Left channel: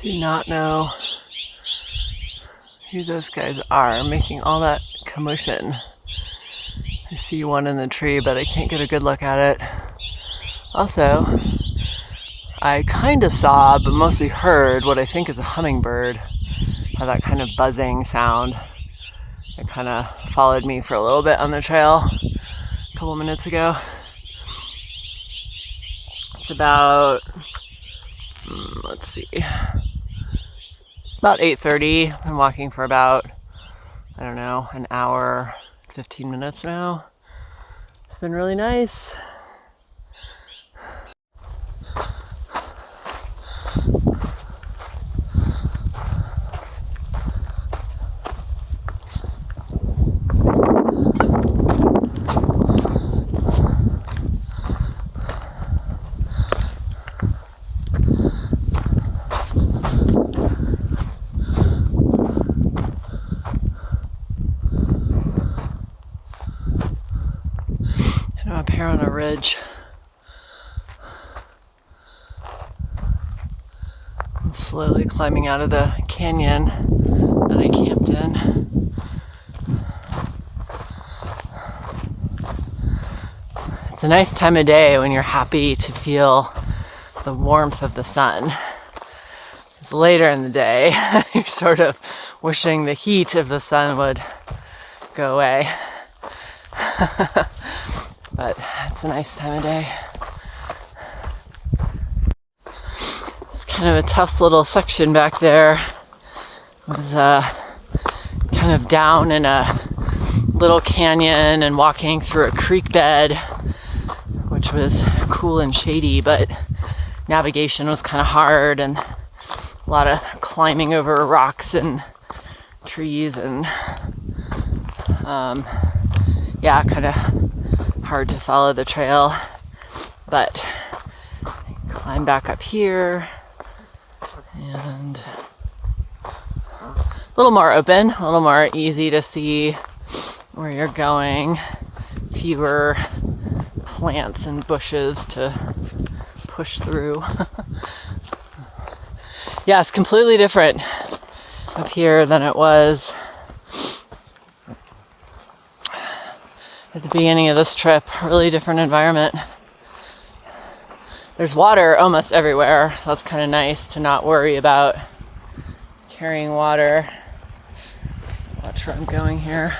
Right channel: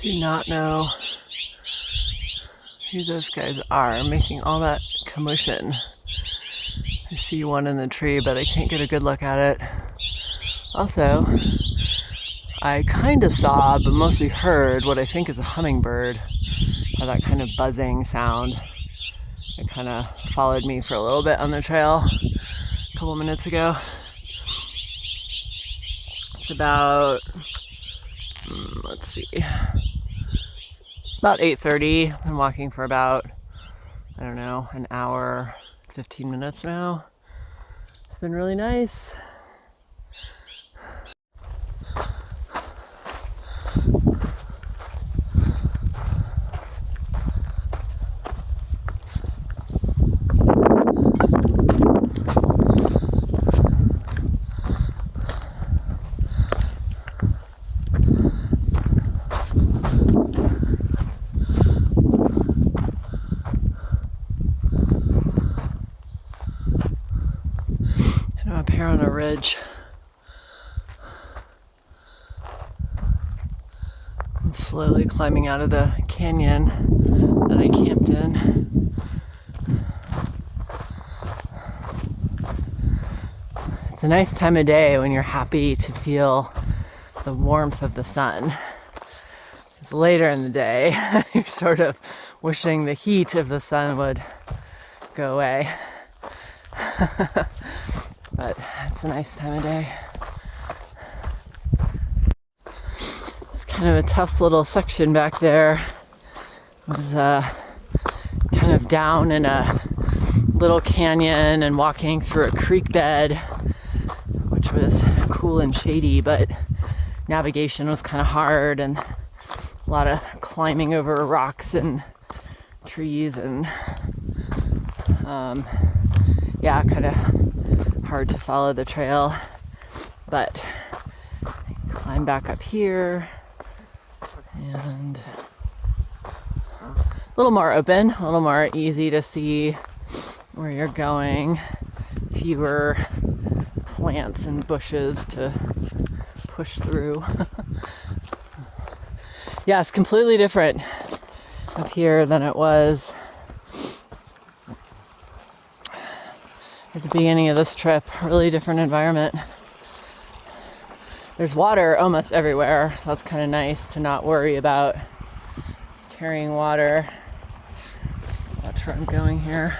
Do not know who those guys are making all that commotion. I see one in the tree, but I can't get a good look at it. Also, I kind of saw, but mostly heard, what I think is a hummingbird. Had that kind of buzzing sound. It kind of followed me for a little bit on the trail a couple minutes ago. It's about, let's see, about 8:30. I'm walking for about, I don't know, an hour, 15 minutes now. It's been really nice. I'm up here on a ridge. I'm slowly climbing out of the canyon that I camped in. It's a nice time of day when you're happy to feel the warmth of the sun. It's later in the day, you're sort of wishing the heat of the sun would go away. But it's a nice time of day. It's kind of a tough little section back there. It was kind of down in a little canyon and walking through a creek bed, which was cool and shady, but navigation was kind of hard and a lot of climbing over rocks and trees and kind of hard to follow the trail, but climb back up here and a little more open, a little more easy to see where you're going, fewer plants and bushes to push through. Yeah, it's completely different up here than it was at the beginning of this trip. Really different environment. There's water almost everywhere, so that's kind of nice to not worry about carrying water. Watch where I'm going here.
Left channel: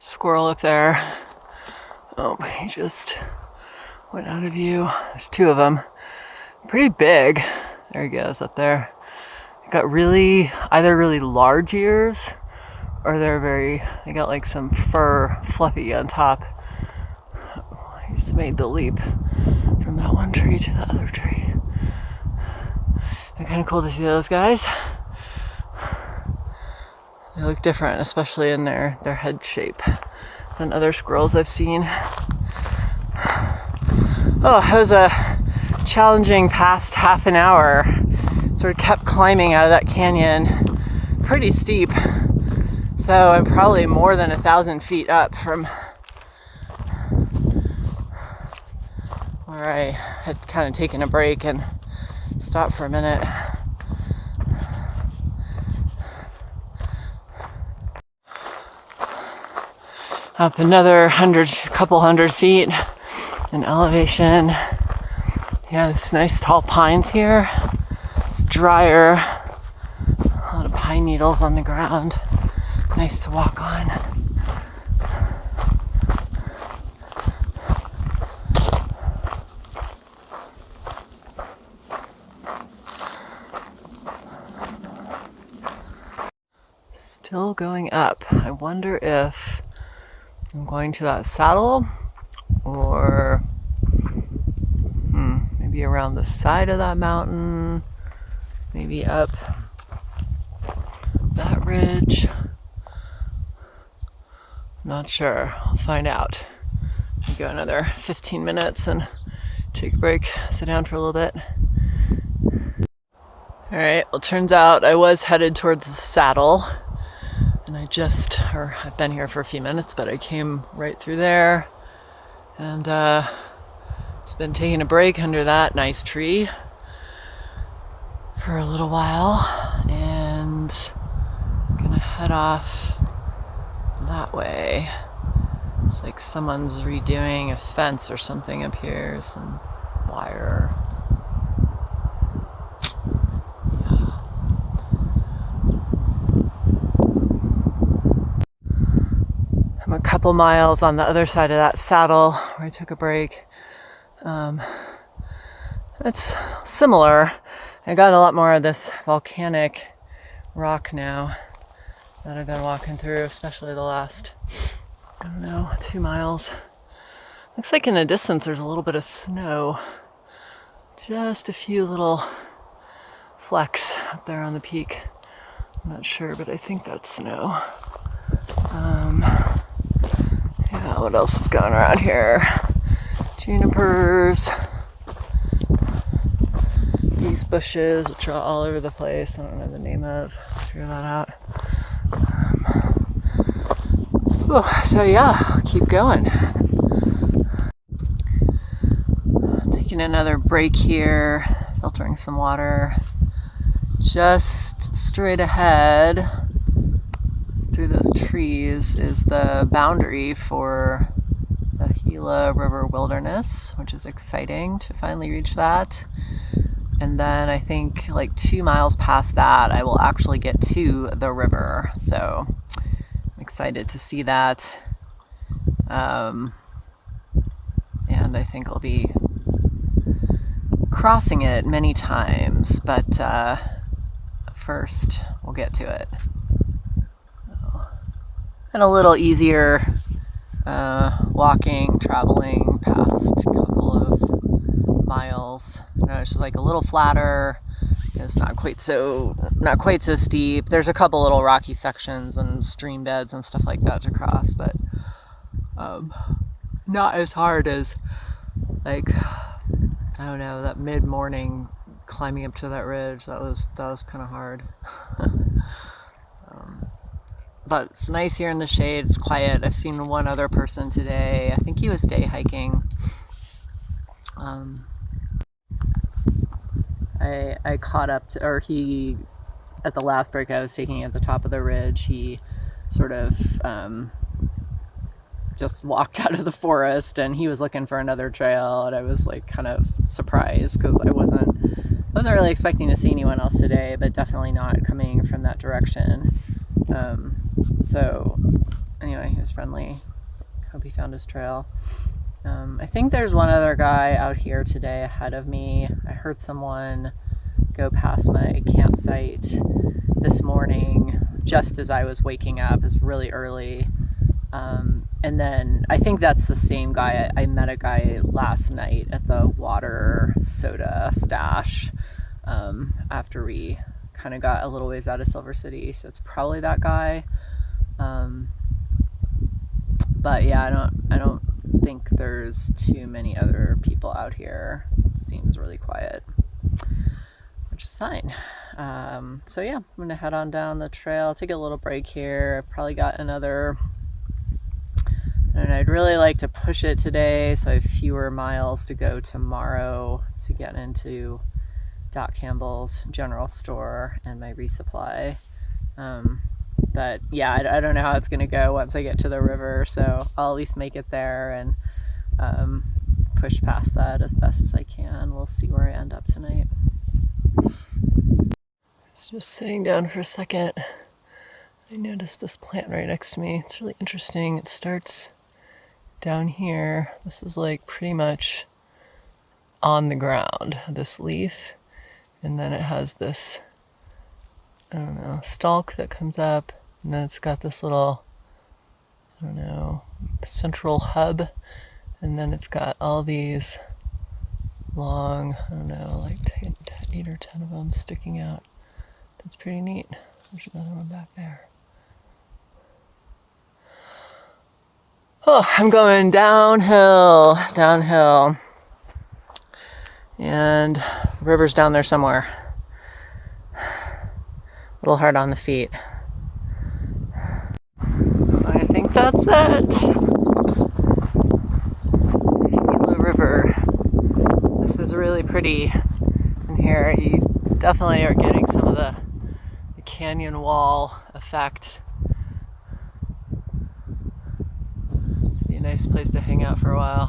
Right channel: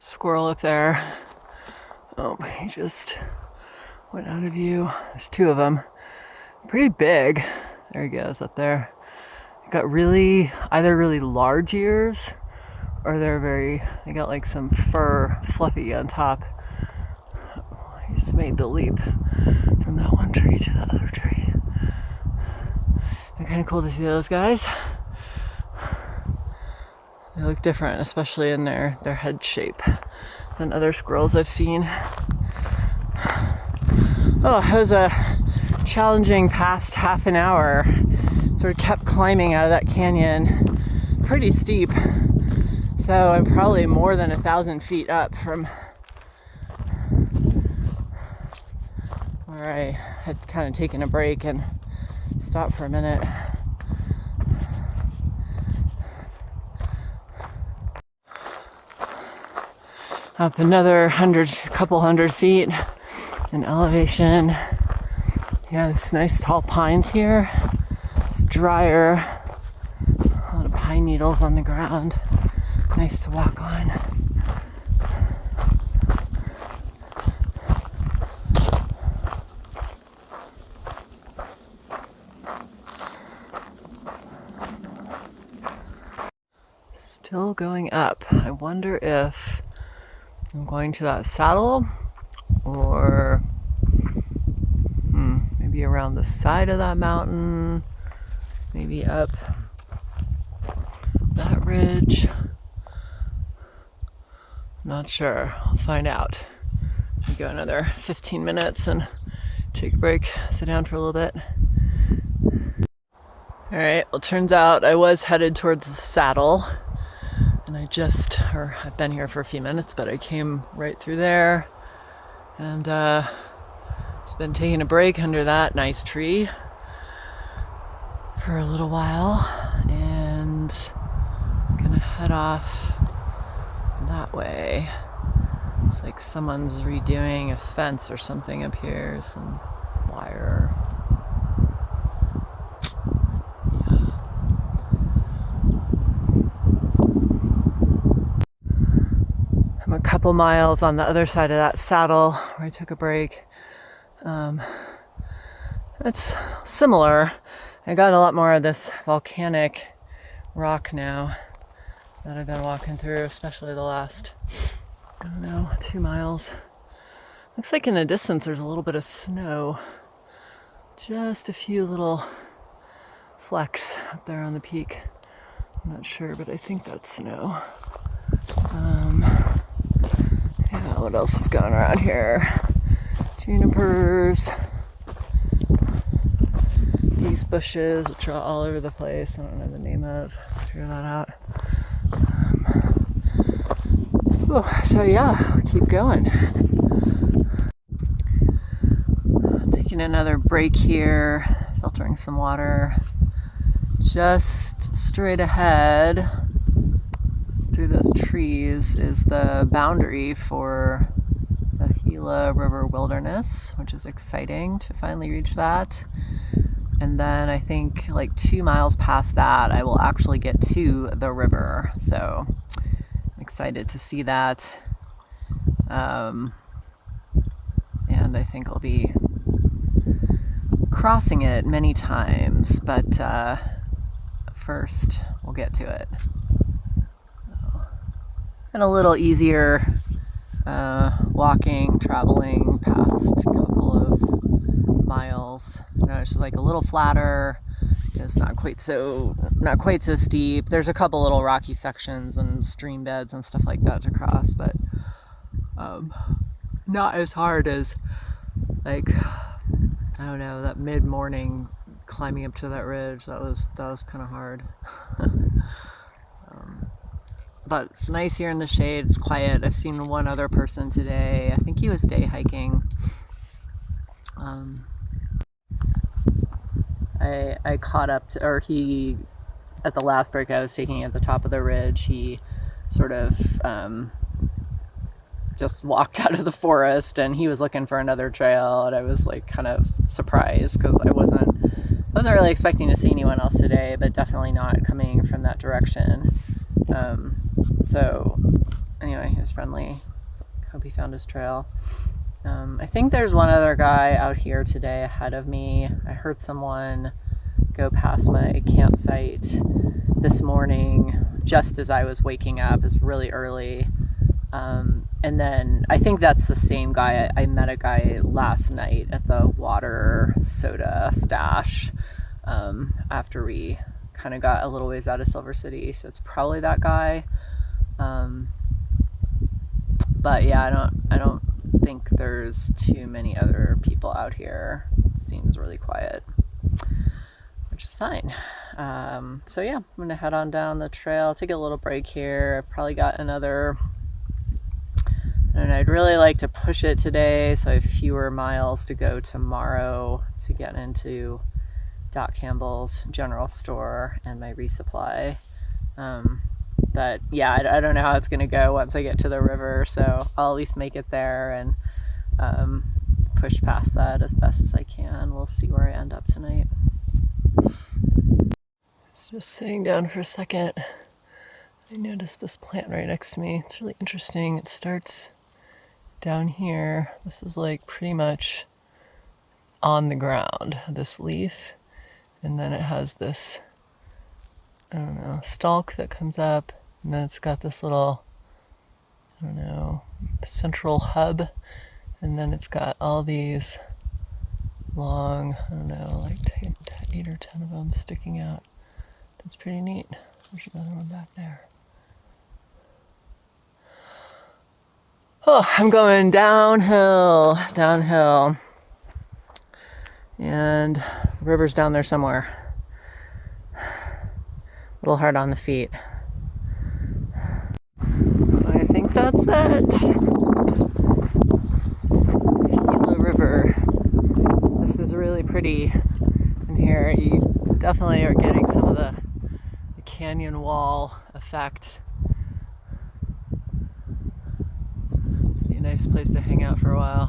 Squirrel up there. Oh, he just went out of view. There's two of them. Pretty big. There he goes up there. Got either really large ears or they got like some fur fluffy on top. He just made the leap from that one tree to the other tree. And kind of cool to see those guys. They look different, especially in their head shape than other squirrels I've seen. Oh, it was a challenging past half an hour. Sort of kept climbing out of that canyon, pretty steep. So I'm probably more than 1,000 feet up from where I had kind of taken a break and stopped for a minute. Up another couple hundred feet in elevation. Yeah, there's nice tall pines here. It's drier. A lot of pine needles on the ground. Nice to walk on. Still going up. I wonder if I'm going to that saddle or maybe around the side of that mountain, maybe up that ridge. Not sure. I'll find out. I'll go another 15 minutes and take a break, sit down for a little bit. All right, well, turns out I was headed towards the saddle, and I've been here for a few minutes, but I came right through there and Just been taking a break under that nice tree for a little while, and I'm gonna head off that way. It's like someone's redoing a fence or something up here, some wire. Yeah. I'm a couple miles on the other side of that saddle where I took a break. It's similar. I got a lot more of this volcanic rock now that I've been walking through, especially the last, 2 miles. Looks like in the distance there's a little bit of snow. Just a few little flecks up there on the peak. I'm not sure, but I think that's snow. Yeah, what else is going around here? Junipers. These bushes, which are all over the place. I don't know the name of. Figure that out. So yeah, I'll keep going. Taking another break here, filtering some water. Just straight ahead through those trees is the boundary for the Gila River Wilderness, which is exciting to finally reach that. And then I think like 2 miles past that, I will actually get to the river. So I'm excited to see that. And I think I'll be crossing it many times, but first we'll get to it. And a little easier traveling past a couple of miles. It's like a little flatter. It's not quite so steep. There's a couple little rocky sections and stream beds and stuff like that to cross, but not as hard as that mid-morning climbing up to that ridge. That was kind of hard. But it's nice here in the shade. It's quiet. I've seen one other person today. I think he was day hiking. I caught up to, at the last break I was taking at the top of the ridge, he sort of just walked out of the forest, and he was looking for another trail, and I was like kind of surprised because I wasn't really expecting to see anyone else today, but definitely not coming from that direction. So anyway, he was friendly. So hope he found his trail. I think there's one other guy out here today ahead of me. I heard someone go past my campsite this morning just as I was waking up. It's really early. And then I think that's the same guy. I met a guy last night at the water soda stash after we kind of got a little ways out of Silver City. So it's probably that guy. But yeah, I don't think there's too many other people out here. It seems really quiet, which is fine. So yeah, I'm gonna head on down the trail, take a little break here. I've probably got another, and I'd really like to push it today so I have fewer miles to go tomorrow to get into Doc Campbell's general store and my resupply. But yeah, I don't know how it's going to go once I get to the river, so I'll at least make it there and push past that as best as I can. We'll see where I end up tonight. Just sitting down for a second, I noticed this plant right next to me. It's really interesting. It starts down here. This is like pretty much on the ground, this leaf, and then it has this, stalk that comes up, and then it's got this little, central hub, and then it's got all these long, 8 or 10 of them sticking out. That's pretty neat. There's another one back there. Oh, I'm going downhill, and the river's down there somewhere. A little hard on the feet. I think that's it. The Gila River. really pretty in here. You definitely are getting some of the canyon wall effect. It'd be a nice place to hang out for a while.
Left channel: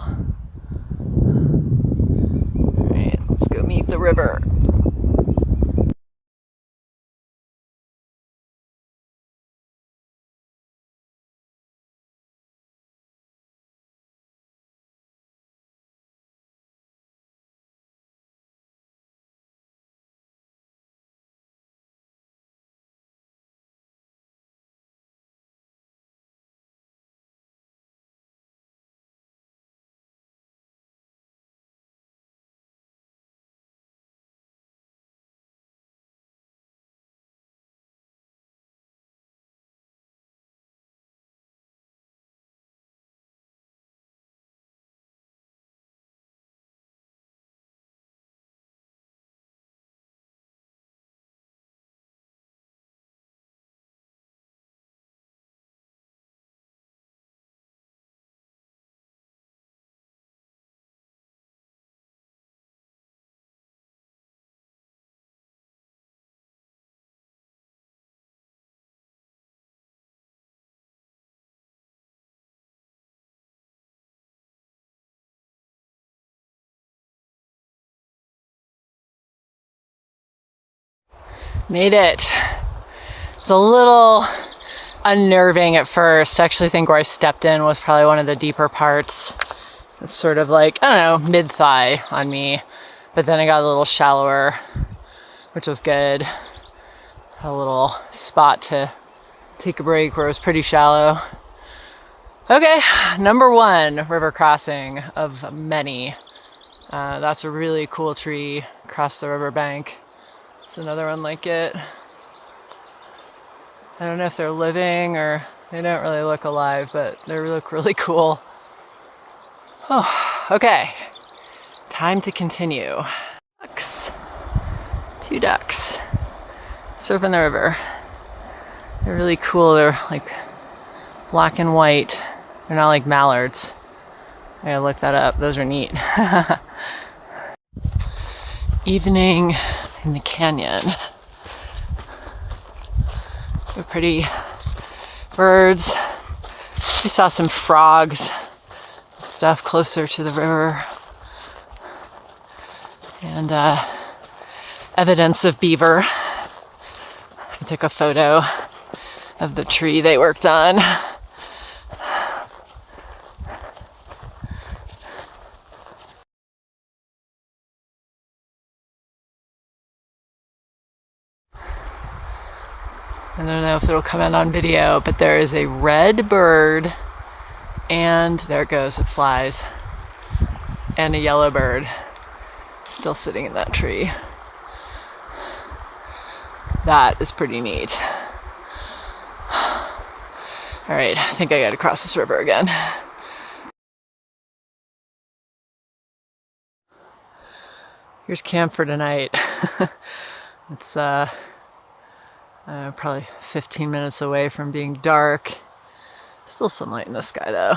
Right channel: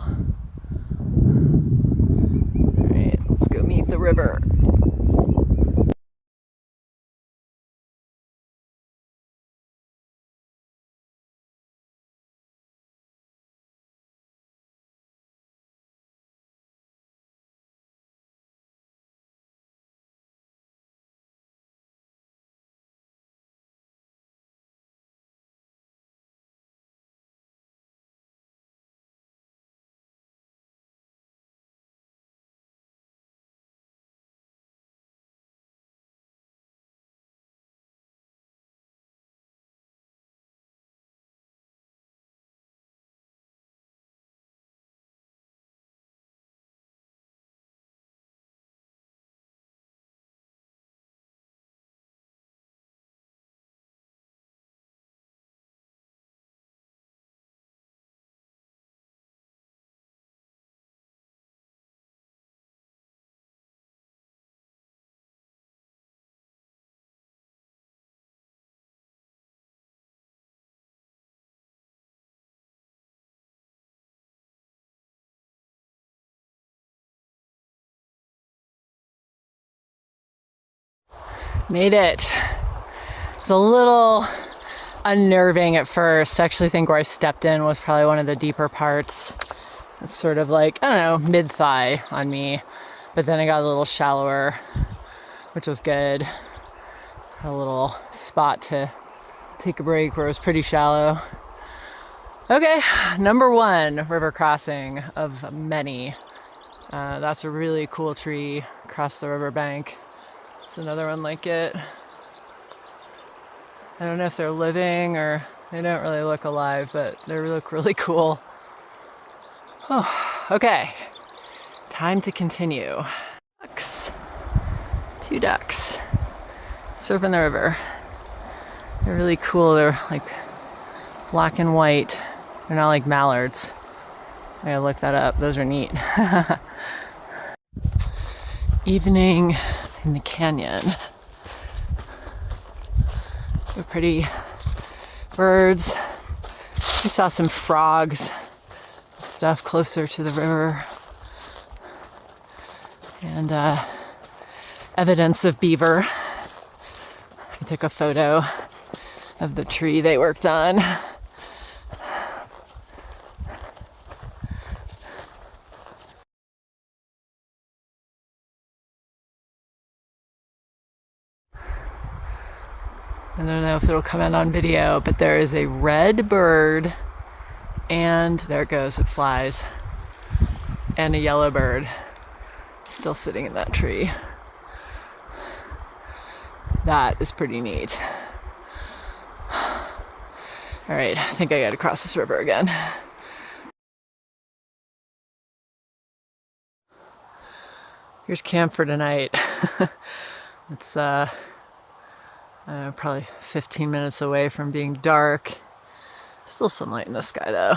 All right, let's go meet the river. Made it. It's a little unnerving at first. I actually think where I stepped in was probably one of the deeper parts. It's sort of like, I don't know, mid-thigh on me. But then it got a little shallower, which was good. A little spot to take a break where it was pretty shallow. Okay, number 1 river crossing of many. That's a really cool tree across the riverbank. There's another one like it. I don't know if they're living or they don't really look alive, but they look really cool. Oh, okay. Time to continue. Ducks. 2 ducks surfing the river. They're really cool. They're like black and white. They're not like mallards. I gotta look that up. Those are neat. Evening in the canyon. So pretty birds. We saw some frogs, stuff closer to the river, and evidence of beaver. I took a photo of the tree they worked on. I don't know if it'll come in on video, but there is a red bird, and there it goes, it flies, and a yellow bird still sitting in that tree. That is pretty neat. All right, I think I gotta cross this river again. Here's camp for tonight. It's probably 15 minutes away from being dark. Still some light in the sky though.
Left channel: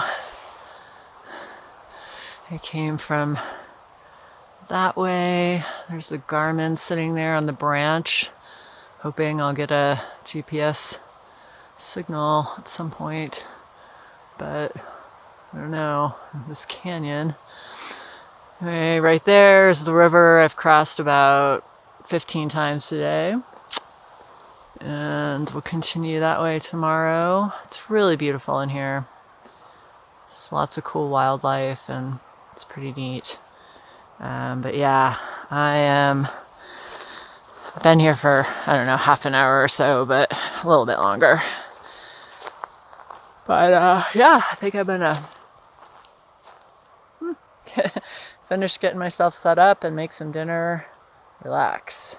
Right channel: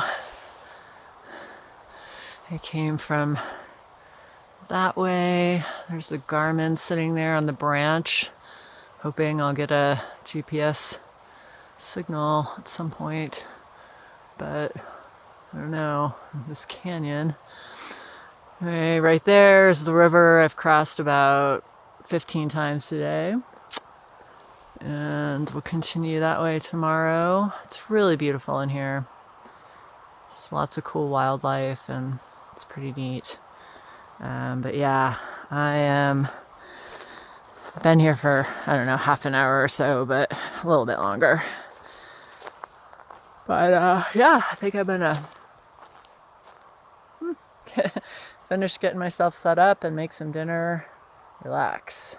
I came from that way. There's the Garmin sitting there on the branch, hoping I'll get a GPS signal at some point, but I don't know. This canyon. Okay, right there is the river I've crossed about 15 times today. And we'll continue that way tomorrow. It's really beautiful in here. There's lots of cool wildlife and it's pretty neat. But yeah, I've been here for, I don't know, half an hour or so, but a little bit longer. But yeah, I think I'm gonna finish getting myself set up and make some dinner, relax.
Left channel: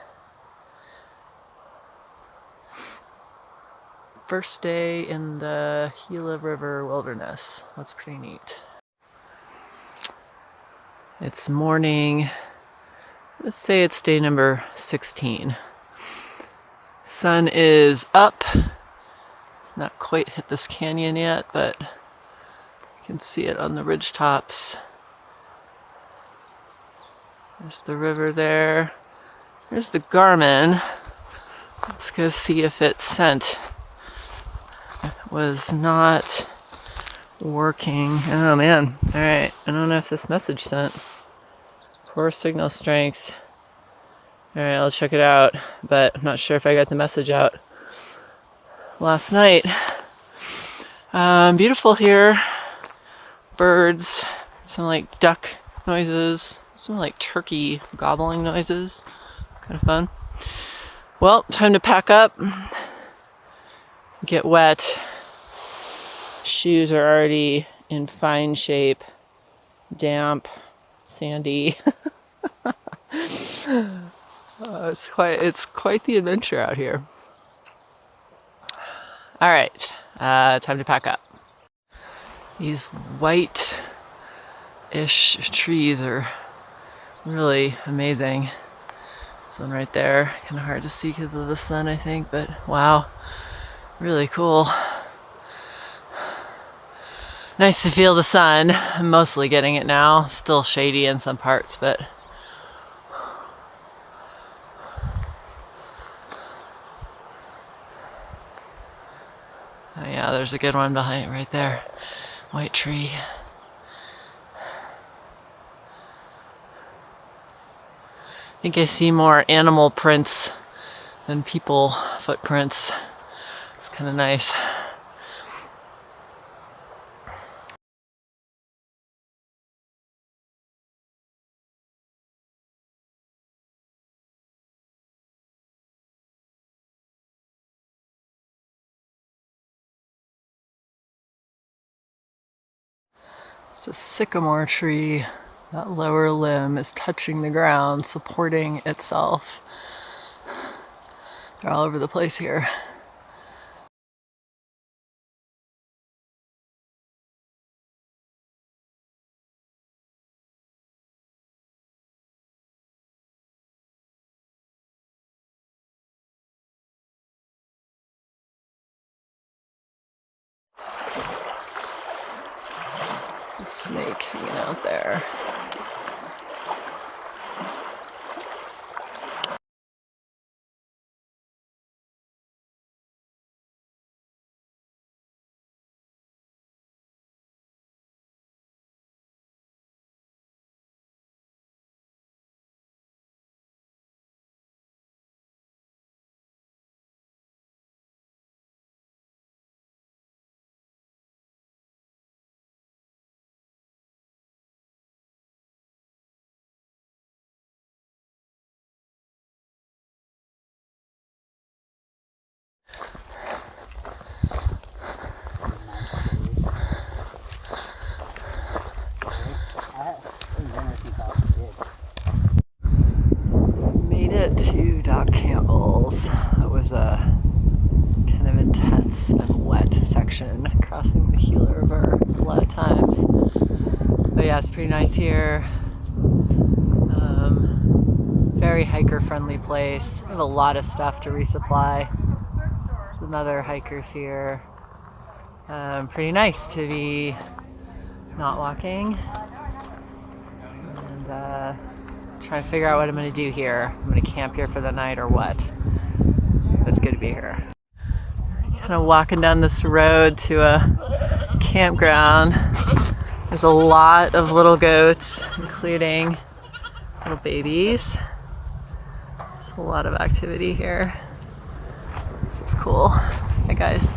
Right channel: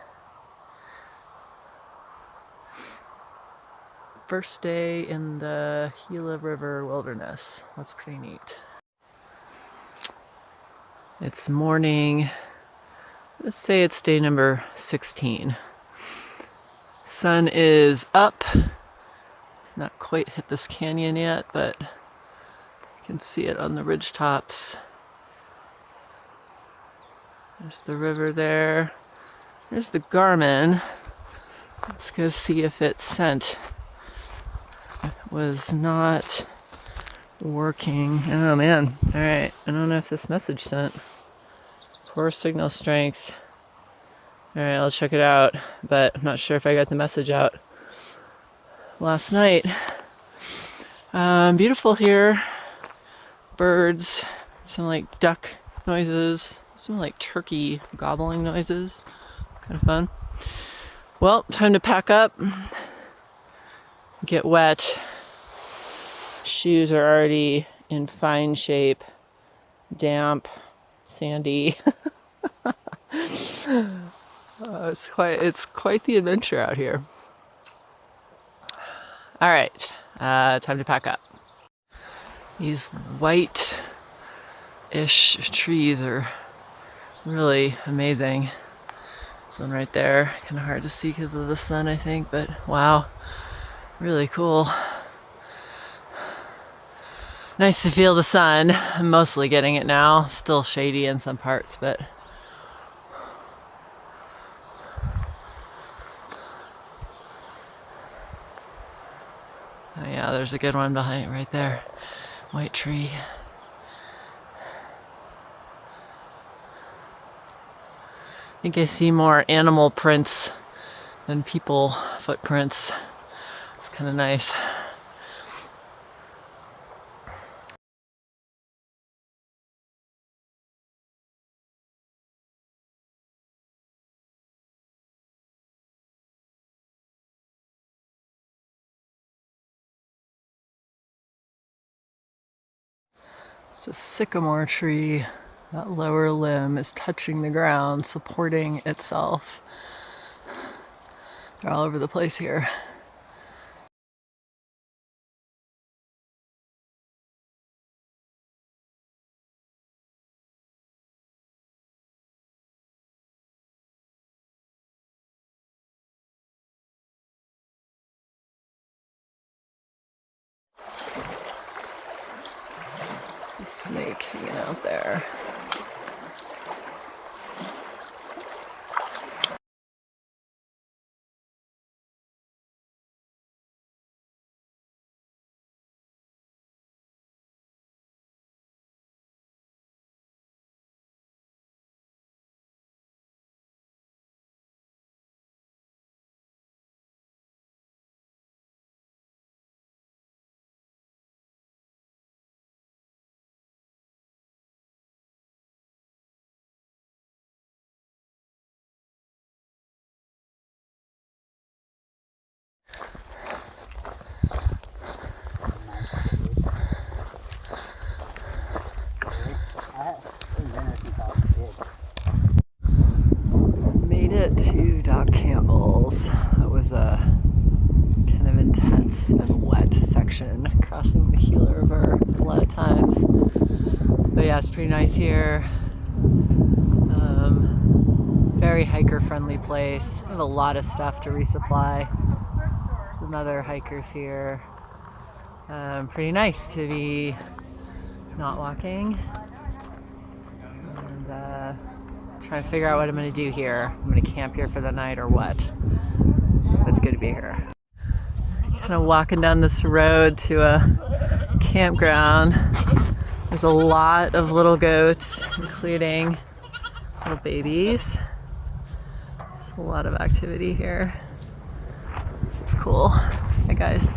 First day in the Gila River Wilderness. That's pretty neat. It's morning. Let's say it's day number 16. Sun is up. Not quite hit this canyon yet, but you can see it on the ridge tops. There's the river there. There's the Garmin. Let's go see if it sent. It was not working. Oh man. Alright. I don't know if this message sent. Poor signal strength. Alright, I'll check it out. But I'm not sure if I got the message out last night. Beautiful here. Birds. Some like duck noises. Some like turkey gobbling noises. Kind of fun. Well, time to pack up. Get wet. Shoes are already in fine shape. Damp. Sandy. It's quite the adventure out here. All right, time to pack up. These white-ish trees are really amazing. This one right there, kind of hard to see because of the sun, I think, but wow, really cool. Nice to feel the sun. I'm mostly getting it now. Still shady in some parts, but oh yeah, there's a good one behind right there. White tree. I think I see more animal prints than people footprints. It's kind of nice. It's a sycamore tree. That lower limb is touching the ground, supporting itself. They're all over the place here. There's a snake hanging out there. Made it to Doc Campbell's. It was a kind of intense and wet section crossing the Gila River a lot of times. But yeah, it's pretty nice here. Very hiker-friendly place. I have a lot of stuff to resupply. Some other hikers here. Pretty nice to be not walking. And trying to figure out what I'm going to do here. I'm going to camp here for the night or what. It's good to be here. Kind of walking down this road to a campground. There's a lot of little goats, including little babies. There's a lot of activity here. This is cool. Hi guys.